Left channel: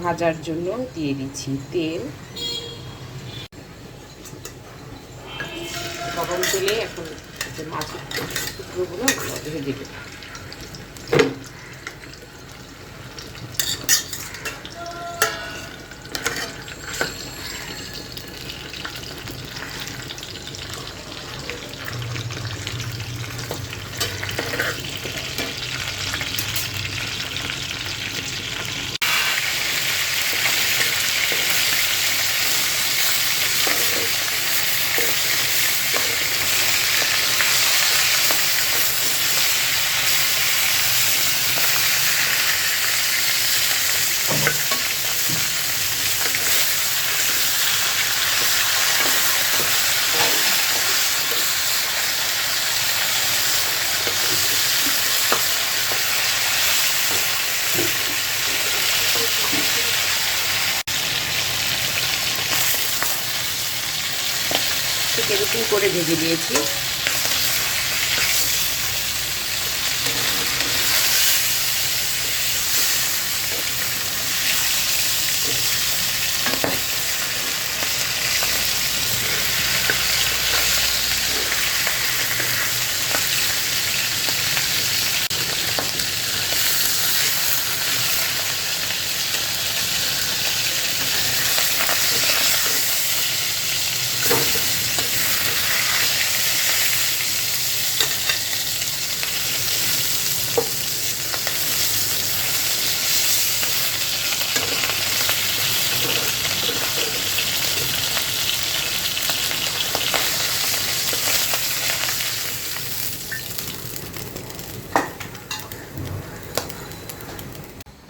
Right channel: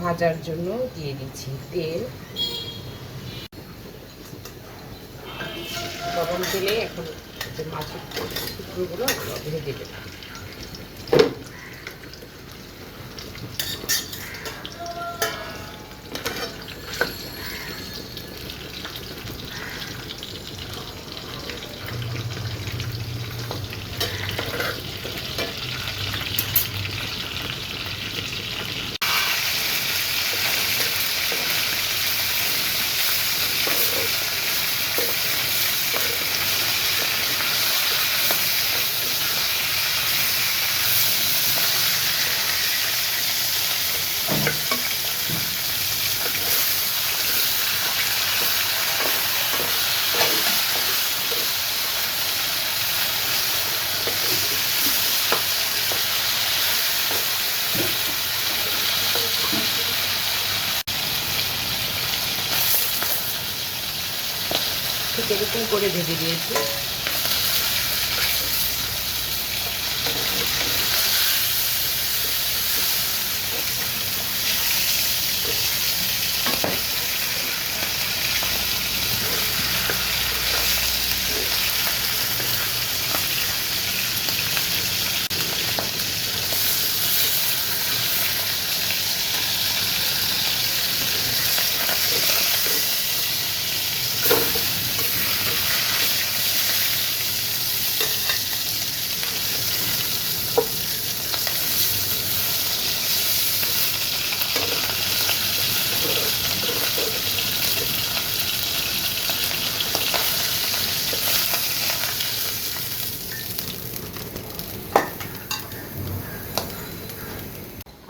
ভাজার জন্য দিয়ে দিচ্ছি তেল। গরম তেলে এখন মাছের টুকরোগুলো ভেজে দেবে ঠিক এরকম করে ভেজে দিয়েছি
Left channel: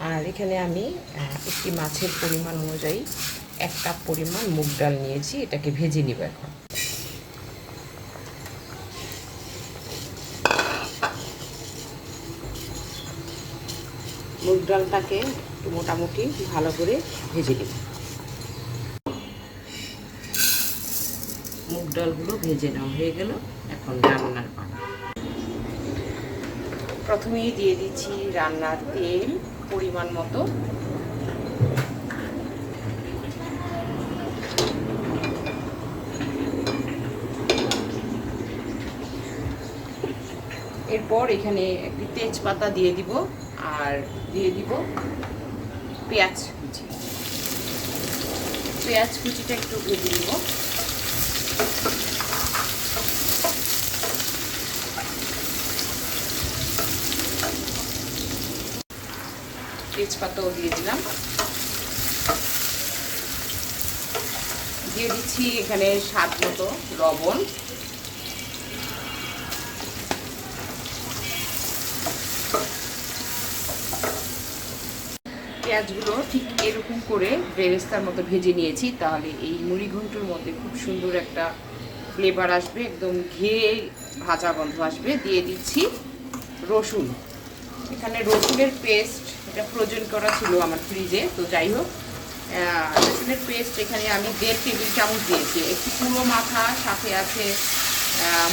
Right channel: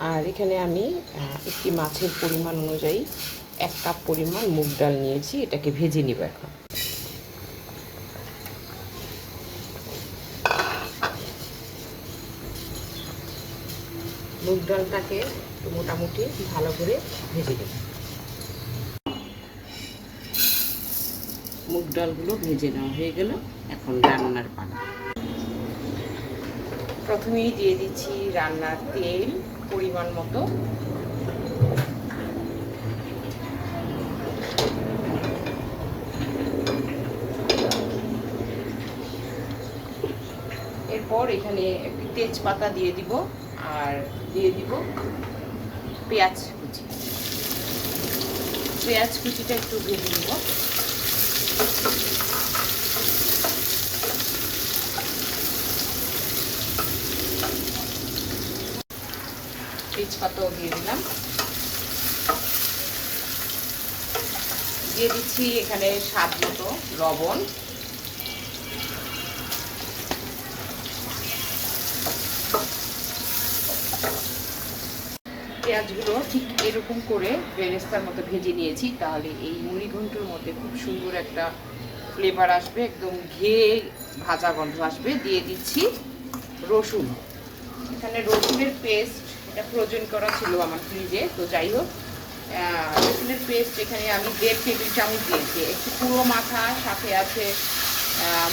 আর এখানে আমি একটি মাছের পরিমাণ অনুযায়ী এক কাপ পরিমাণ মুগ ডাল নিয়েছি, এটাকে ভেজে নিব এখন। মুগ ডালটাকে মোটামুটি ভালো করে ভেজে নেব। মুগ ডালগুলো ভেজে নেওয়া হয়ে গেল, এখন রান্নার পালা। প্রথমেই দিয়ে দিচ্ছি রান্নার তেল। পরিমাণ মতো। এরপর এখানে একটি তেজপাতা দিয়ে দিব আর দিয়ে দিব পেঁয়াজ কুচি। পেঁয়াজ কুচিটা একটু ভেজে দিব তেজপাতাও দিয়ে দিলাম। দিয়ে দিচ্ছি এখানে স্বাদ মতো লবণ। পেঁয়াজগুলো ঠিক এরকম করে বেরেস্তার মতো ভেজে নিয়েছি, তাহলে এই মুড়ি ঘন্টুর মধ্যে খুব সুন্দর একটা ফ্লেভার আসবে, একদম ঘিয়ে ভাজা গন্ধ আসবে। দিয়ে দিচ্ছি রসুন। এখানে রসুনের পেস্ট এটা ফ্রোজেন করা ছিল আমার ফ্রিজে তো যাই হোক রসুনের পেস্ট এখানে আমি দেড় টেবিল চামচ দিয়েছি। একটি পুরো মাথা সাথে আছে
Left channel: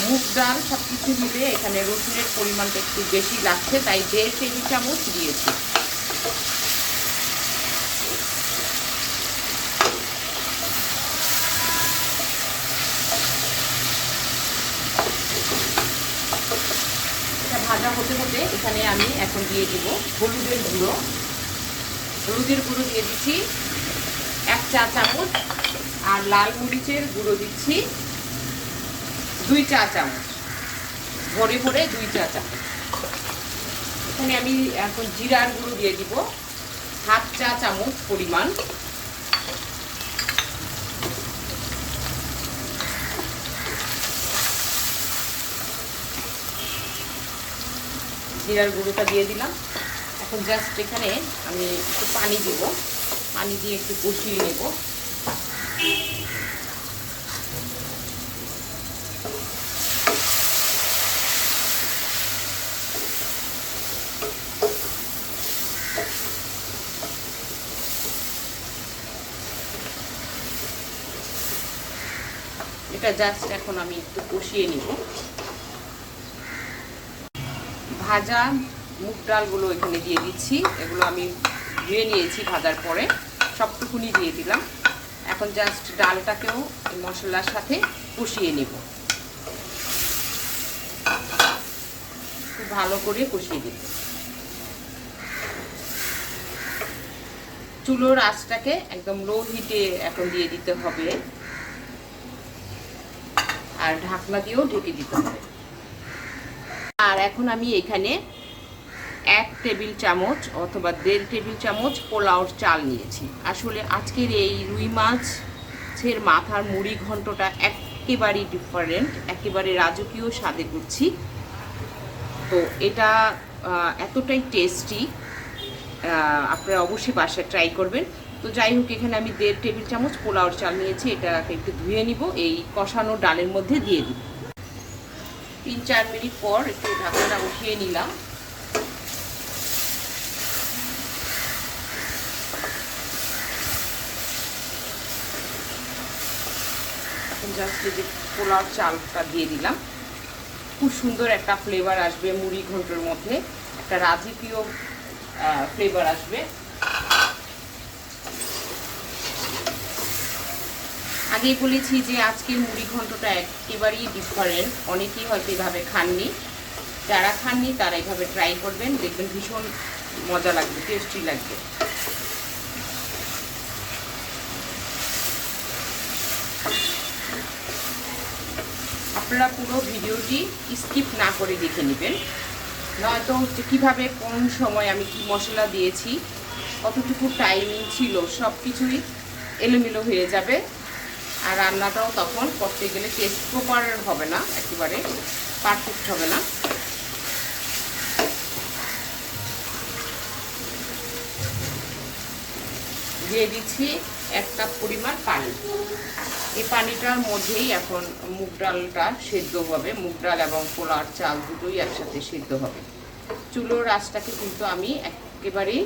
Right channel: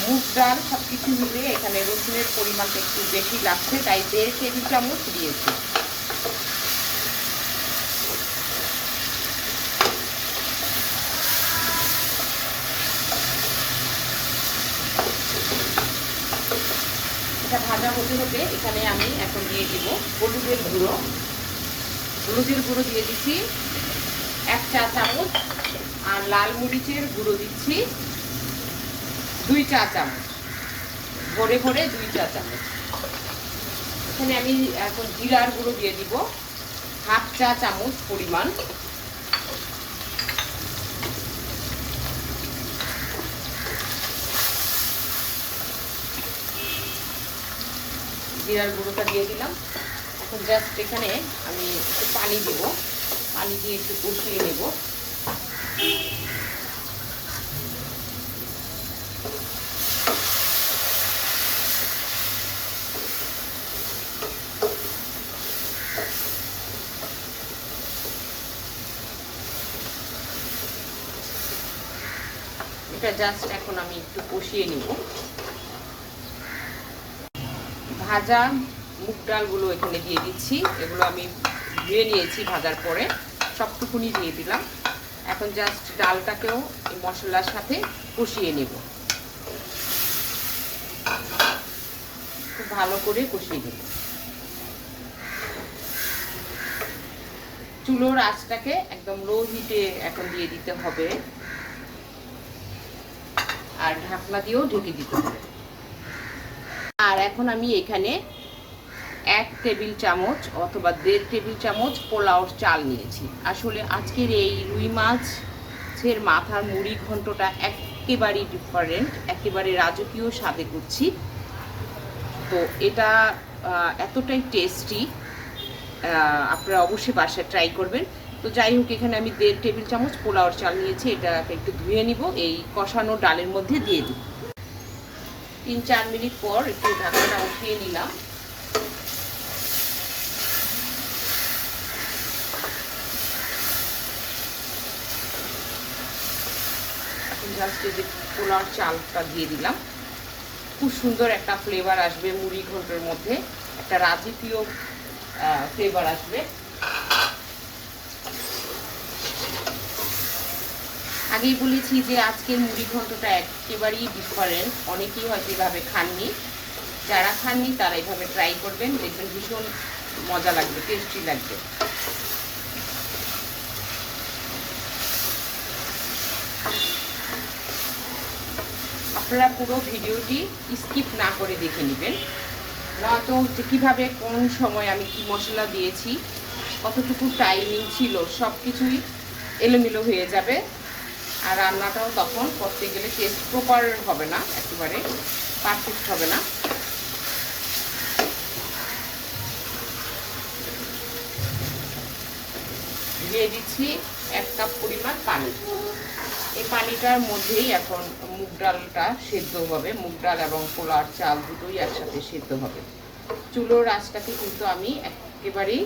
মুগ ডাল সব কিছু মিলে এখানে রসুনের পরিমাণটা একটু বেশি লাগছে, তাই দেড় টেবিল চামচ দিয়েছি এটা ভাজা হতে হতে এখানে আমি এখন দিয়ে দেবো হলুদের গুঁড়ো। হলুদের গুঁড়ো দিয়ে দিচ্ছি এক চা চামচ আর লাল মরিচের গুঁড়ো দিচ্ছি দুই চা চামচ। ভরে ভরে দুই চা চামচ। এখানে আমি এখন জিরার গুঁড়ো দিয়ে দিব। হাফ চা চামচ পরিমাণ। জিরার গুঁড়োটা দিয়ে দিলাম। এখন জাস্ট এখানে আমি একটু পানি দেব। পানি দিয়ে একটু কষিয়ে নেব। এটা জাস্ট এখন আমি একটু কষিয়ে নিব। ভাজা মুগ ডালগুলো এখানে দিয়ে দিচ্ছি। এগুলো আমি ধুয়ে নিয়েছি ভাজার পরে। সবটুকুনি দিয়ে দিলাম। এখন জাস্ট ডালটাকেও মশলার সাথে কষিয়ে নেব। খুব ভালো করে কষিয়ে দেব চুলোর আঁচটাকে একদম লো হিটে এখন দিয়ে দিতে হবে। আর ঢাকনা দিয়েও ঢেকে দিতে হবে। আর এখন আমি এখানে এক টেবিল চামচ অথবা দেড় টেবিল চামচ পোলাওর চাল নিয়েছি। আসলে আজকের এই রুই মাছের মাথার মুড়ি ঘন্টটা একেবারেই ডিফারেন্ট একেবারে রাজকীয় স্বাদে করছি। তো এটা এতটাই টেস্টি আপনারা অবশ্যই বাসায় ট্রাই করবেন। তো যাই হোক, এখানে আমি দেড় টেবিল চামচ পোলাওর চাল নিয়েছি, এটাকে একটু ধুয়ে নিব, এই কষানো ডালের মধ্যে দিয়ে দিব। তিন চার মিনিট পর একটু ঢাকনাটা উঠিয়ে নিলাম। জাস্ট যে চালটা দিয়ে দিলাম। খুব সুন্দর একটা ফ্লেভার আসবে মুড়ি ঘন্টর মধ্যে। একটা রাজকীয় ফ্লেভার আসবে। আগেই বলেছি যে আজকের মুড়ি ঘন্টটা একেবারেই ডিফারেন্ট। অনেকেই হয়তো এভাবে খাননি। যারা খাননি, তারা এভাবে ট্রাই করবেন। দেখবেন ভীষণ মজা লাগবে টেস্টি লাগবে। আপনারা পুরো ভিডিওটি স্কিপ না করে দেখে নেবেন। নয়তো হচ্ছে কীভাবে, কোন সময় আমি কি মশলা দিয়েছি, কতটুকু টাইমিং ছিল সব কিছুই এলোমেলো হয়ে যাবে। আর রান্নাটাও তখন করতে গেলে টেস্ট প্রপার হবে না, একেবারে পারফেক্ট হবে না। দিয়ে দিচ্ছি এক কাপ পরিমাণ পানি। এই পানিটার মধ্যেই এখন মুগ ডালটা সেদ্ধ হবে। মুগ ডাল এবং পোলার চাল দুটোই একসাথে সেদ্ধ হবে। চুলোর আঁচটাকে কিন্তু আমি একেবারেই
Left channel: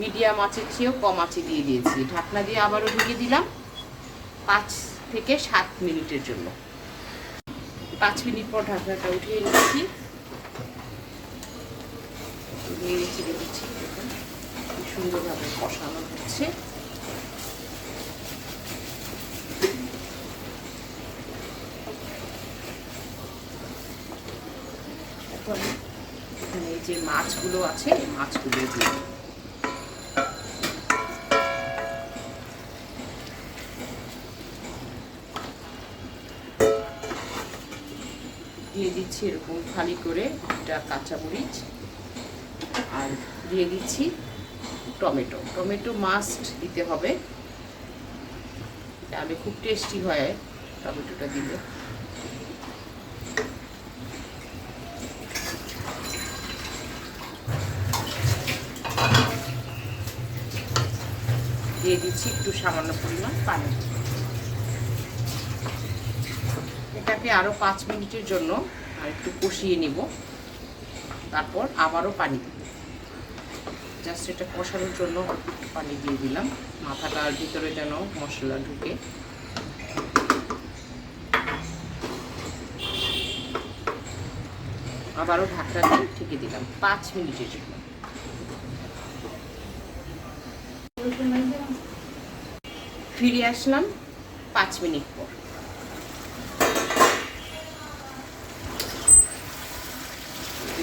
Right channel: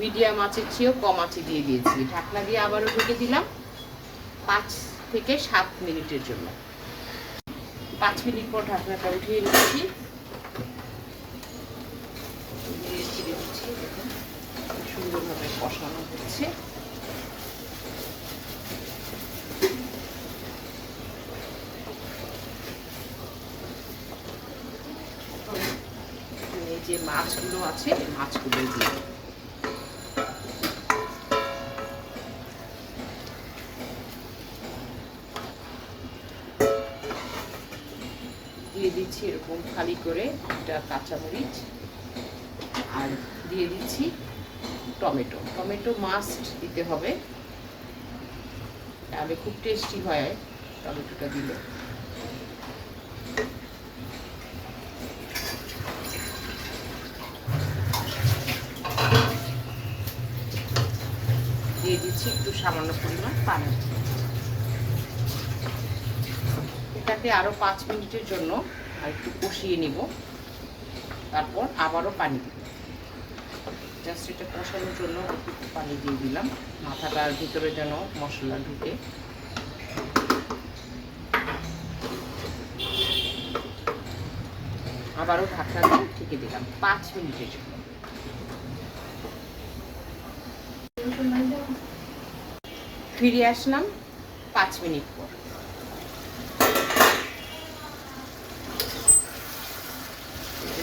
মিডিয়াম আঁচের চেয়েও কম আঁচে দিয়ে দিয়েছি। ঢাকনা দিয়ে আবারও ঢেকে দিলাম। পাঁচ থেকে সাত মিনিটের জন্য। পাঁচ মিনিট পর ঢাকনাটা উঠিয়ে নিচ্ছি। সুন্দরভাবে কষানো হচ্ছে। যে মাছগুলো আছে মাছগুলো দিয়ে দিচ্ছি এরকম খালি করে একটা কাঁচামরিচ আর দিয়ে দিচ্ছি টমেটো। টমেটো মাস্ট দিতে হবে। তাহলে খুব টেস্টি হয় টমেটোটা দিলে। দিয়ে দিচ্ছি একটু সামান্য পরিমাণ পানি। এটাকে আরও পাঁচ মিনিটের জন্য আর একটু কষিয়ে নিব। তারপর আবারও পানি দিব। জাস্ট এটা কষানোর জন্য পানি দিয়ে দিলাম। মাথাটার ভিতরে যেন মশলা ঢুকে। আবারও ঢাকনা দিয়ে ঢেকে দিলাম পাঁচ মিনিটের জন্য। ফিরে আসলাম পাঁচ মিনিট পর।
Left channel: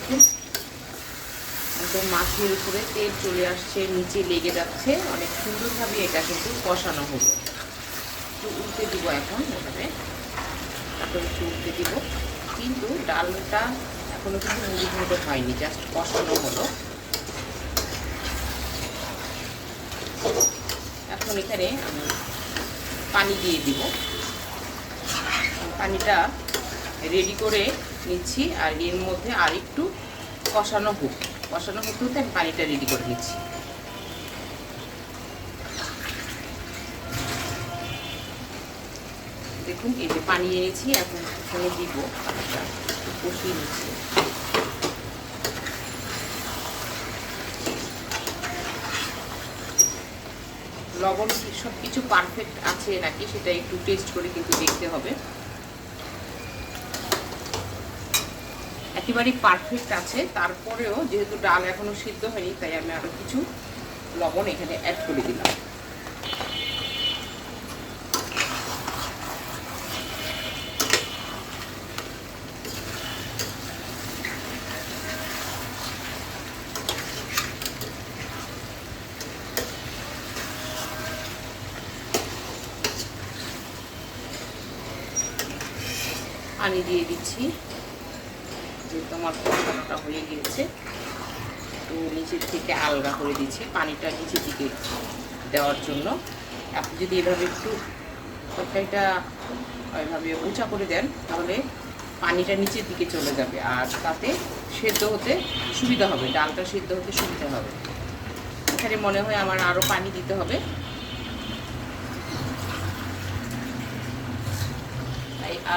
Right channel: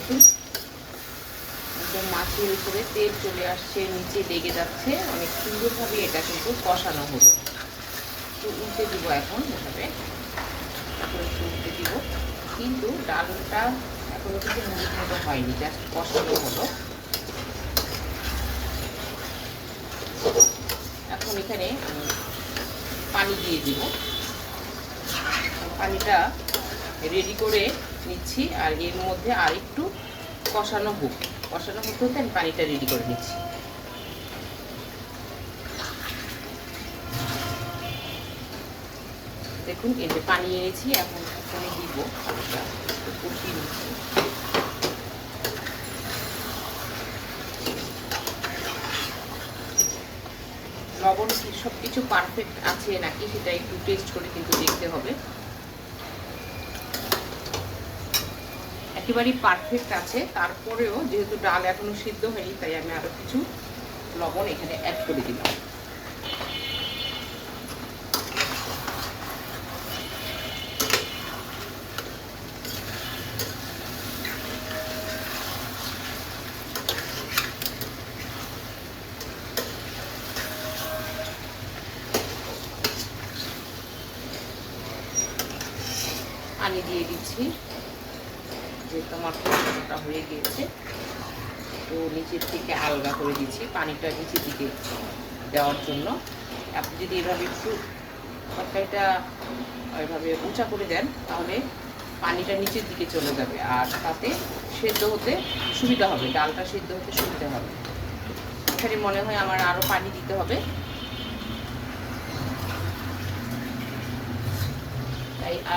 দেখুন একদম মাছের উপরে তেল চলে আসছে, নিচে লেগে যাচ্ছে। অনেক সুন্দরভাবে এটা কিন্তু কষানো হলো। একটু উল্টে দিব এখন, এভাবে। এখন একটু উল্টে দিব। কিন্তু ডালটা এখনও কিন্তু মুড়ি মতো হয়নি জাস্ট কষানো হলো। এখন এখানে আমি পানি দিয়ে দিব। পানিটা রেডি করে নিচ্ছি আর এর মধ্যে আর একটু কষানো হোক কষানো হতে হতে আমি পানিটা রেডি করে নিচ্ছি। দেখুন এতে পানি এনেছি, এখন এখানে দিব কষিয়ে নিচ্ছি। লবণ কি সব কিছু পারফেক্ট আছে নাকি সেটা একটু টেস্ট করে কিন্তু দেখতে হবে। একেবারেই পারফেক্ট আছে। তারপরেও যেহেতু ডাল এখনও সিদ্ধ হয়নি, তাই আমি আরও কিছু লবণ এখানে অ্যাড করে দিলাম। পানি দিয়ে দিচ্ছি। যে তোমার কষানোটা হয়ে গিয়েছে। তো নিচের থেকে আলগা করে দিচ্ছি পানিটা নিচের দিকে দেওয়ার জন্য। আপনি যদি এভাবে একটু তরকারিটা এভাবে উঁচা করে দেন, তাহলে পানিটা নিচের দিকে চলে যাবে আর তাতে সেদ্ধ হতে সুবিধা হবে, ডালটা সেদ্ধ হতে সুবিধা হবে। এখানে মনে হয় আমার আরও পানি দিতে হবে।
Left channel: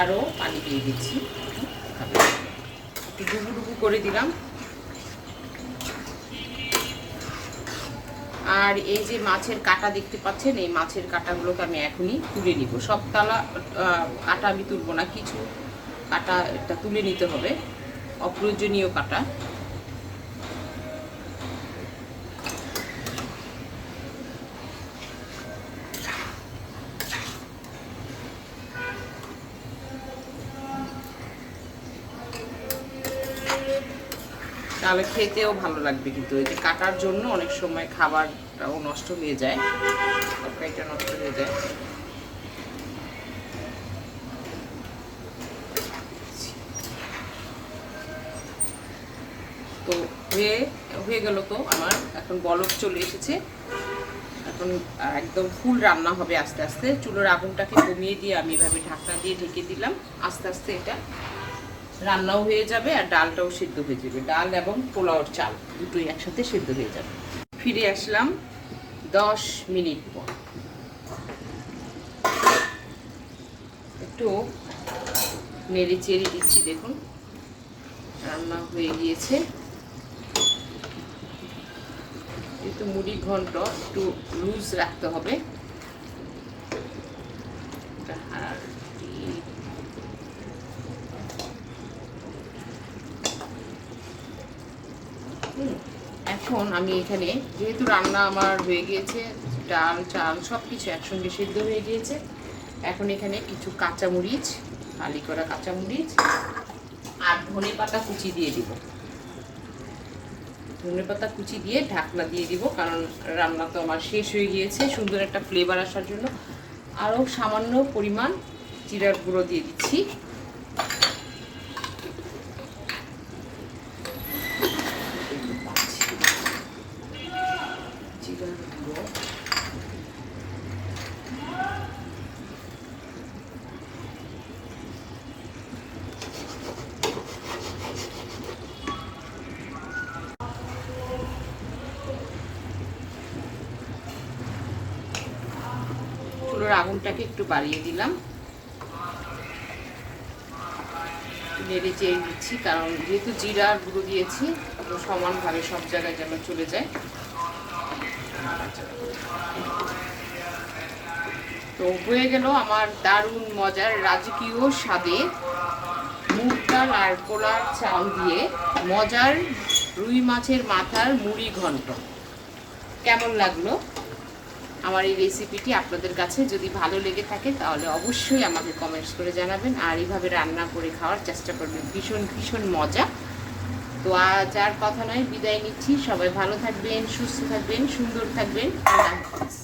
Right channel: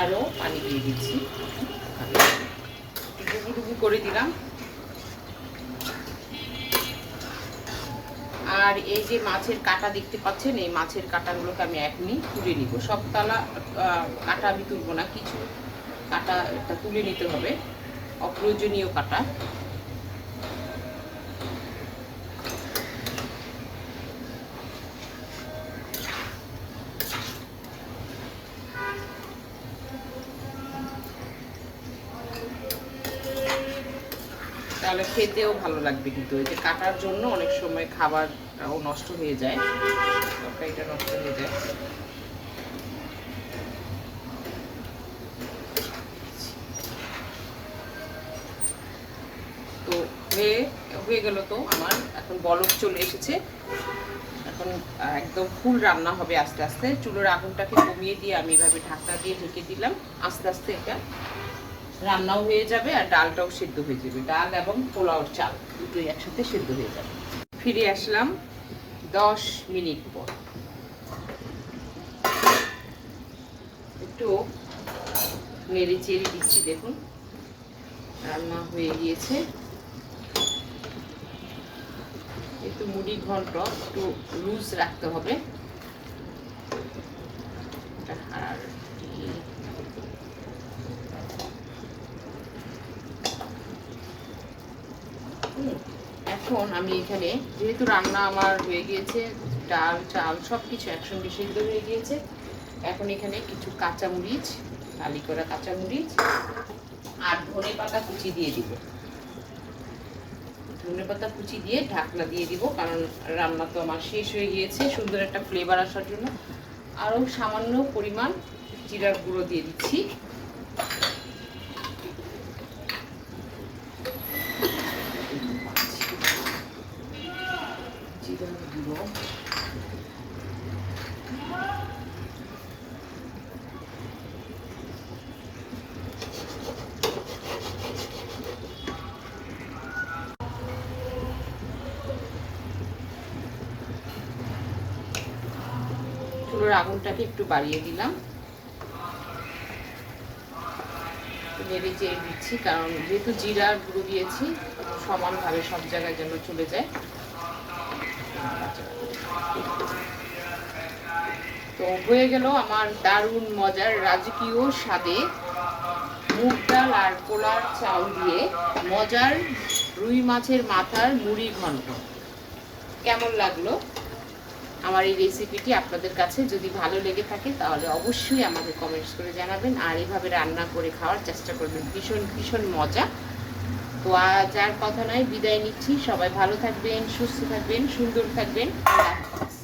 আরও পানি দিয়ে দিচ্ছি। ডুবু করে দিলাম। আর এই যে মাছের কাটা দেখতে পাচ্ছেন, এই মাছের কাটাগুলোকে আমি এখনই তুলে নিব। সব তালা কাটা আমি তুলবো না, কিছু কাটা তুলে নিতে হবে। অপ্রয়োজনীয় কাটা। তাহলে খেতেও ভালো লাগবে কিন্তু। এই যে কাটার জন্য অনেক সময় খাবারটাও নষ্ট হয়ে যায়। তরকারিটা নষ্ট হয়ে যায়। তো হয়ে হয়ে গেল তো আমার। এখন বলক চলে এসেছে। এখন একদম ফুল রান্না হবে আস্তে আস্তে। চুলোর আগুনটাকে কমিয়ে দিয়ে আমি এভাবে ঢাকনা দিয়ে ঢেকে দিলাম। আস্তে আস্তে এটা রান্নাও হয়ে যাবে আর ডালটাও সিদ্ধ হয়ে যাবে। ডাল এবং পোলাওর চাল, দুটোই একসাথে সিদ্ধ হয়ে যাবে। ফিরে আসলাম দশ মিনিট পর। একটু নেড়ে চেড়ে দিচ্ছি, দেখুন। রান্না হয়ে গিয়েছে। একটু মুড়ি ঘন্ট, একটু লুজ রাখতে হবে আর কি- হুম, এখন আমি এখানে যেহেতু রান্না আমার হয়ে গিয়েছে, ডাল, চাল সব কিছু একসঙ্গে সিদ্ধ হয়ে গিয়েছে, এখন এখানে কিছু কাঁচামরিচ আলি করা কাঁচামরিচ আর ধনে পাতা কুচি দিয়ে দিব। ধনে পাতা কুচি দিয়ে ঢাকনা দিয়ে দিব, কারণ রান্না তো আমার শেষ হয়ে গিয়েছে, সুন্দর একটা ফ্লেভার আসার জন্য। আরও সামান্য পরিমাণ জিরার গুঁড়ো দিয়ে দিচ্ছি জিরার গুঁড়ো চুলোর আগুনটাকে একটু বাড়িয়ে দিলাম। নেড়ে চেয়ে দিচ্ছি কারণ যেহেতু জিরা গুঁড়ো দিয়েছি সমানভাবে সব জায়গায় যেন চলে যায়। তো হয়ে গেল আমার দারুণ মজার রাজকীয় স্বাদে মুগ ডাল আর পোলার চাল দিয়ে মজার রুই মাছের মাথার মুড়ি ঘন্ট। কেমন লাগল? আমার এই রেসিপিটি আপনাদের কাছে যদি ভালো লেগে থাকে, তাহলে অবশ্যই আমাকে কমেন্টস করে জানাবেন। আর এইভাবে রান্না করে খাওয়ার চেষ্টা করবেন। ভীষণ ভীষণ মজা। তো আজ আর কথা নয়। বিদায় নিচ্ছি। সবাই ভালো থাকবেন, সুস্থ থাকবেন, সুন্দর থাকবেন। আল্লাহ।